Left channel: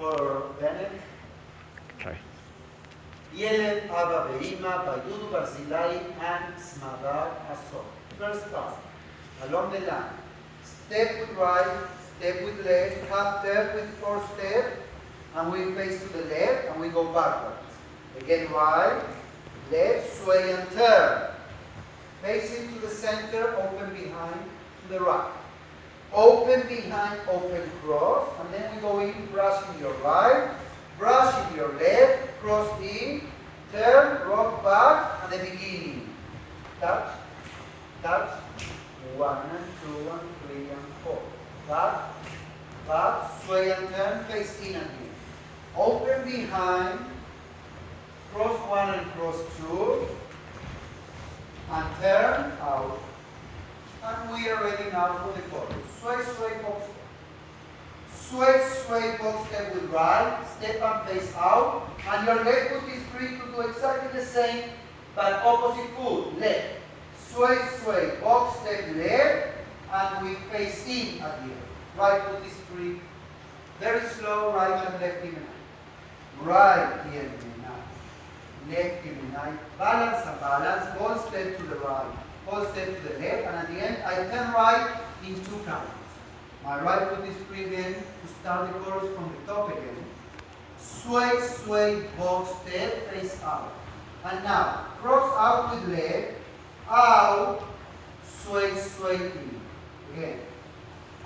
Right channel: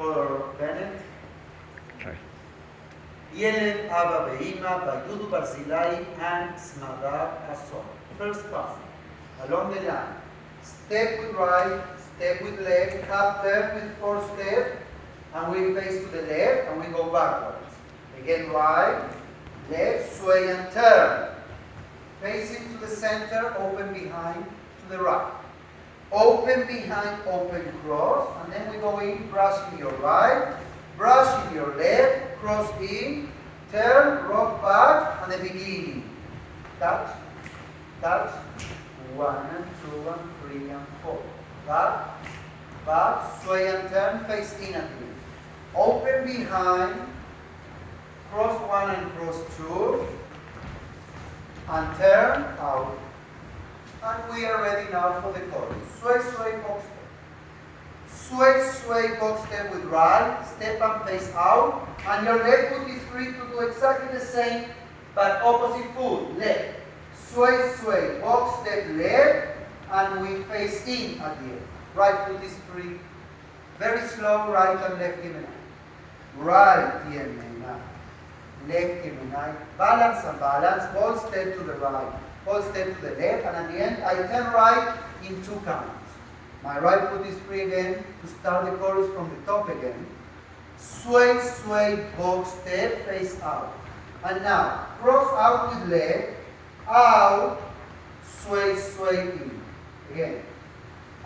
for Bennett. Okay. ילד אבא ואמא by Dudu Barzilai and Smadar Asor. First part, along the line. Step with right, step with left, half turn with 4 steps, and we face to the left and we go backwards. Again right, left, sway and turn. Facing to the center, open behind, to the right. Open behind, open cross, and then we go in, brush in your right, brush in your left, cross in, turn, rock back, and the beginning. Touch, touch, 1 and 2 and 3 and 4. Back, back, sway and turn, face in and in. Open behind, cross 1 and cross 2, and turn out. And we are ready now for the chorus. Sway, sway, box step. Sway, sway, box step with right, step and face out, and your left foot is free to do exactly the same, but opposite foot, left. Sway, sway, box step left, and we face in at the end. Right foot is free. Very slow, right and left Gemini. Right Gemini. Left Gemini. Balance and balance. Whole step to the right. Whole step to the left. And at the end, I turn right in 2 counts. My right foot is free again to start the chorus from the top again. Sway, sway, box step, face out. And now, cross out with left. Out. Sway, sway, in. Again.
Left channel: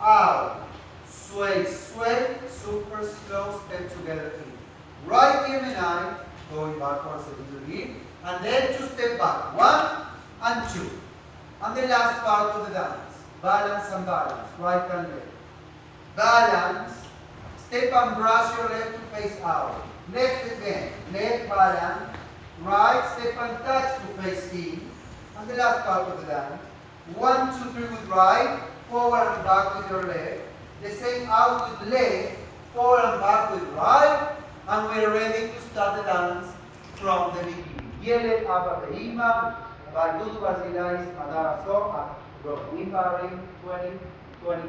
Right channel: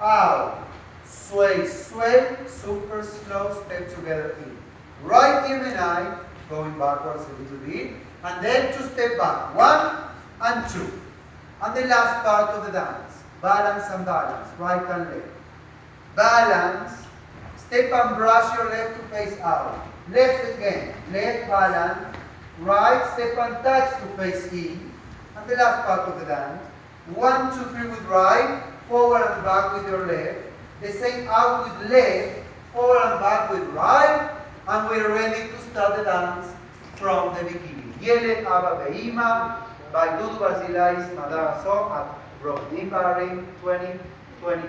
Out. Sway, sway, super slow step together in. Right Gemini, going backwards a little bit, and then 2 step back, 1 and 2. And the last part of the dance, balance and balance, right and left. Balance, step and brush your left to face out. Left again, left balance, right, step and touch to face in. And the last part of the dance, 1, 2, 3 with right, forward and back with your left. The same out with left, forward and back with right, and we're ready to start the dance from the beginning. ילד אבא ואמא by Dudu Barzilai, Smadar Asor at Rodin Bahrain 2022.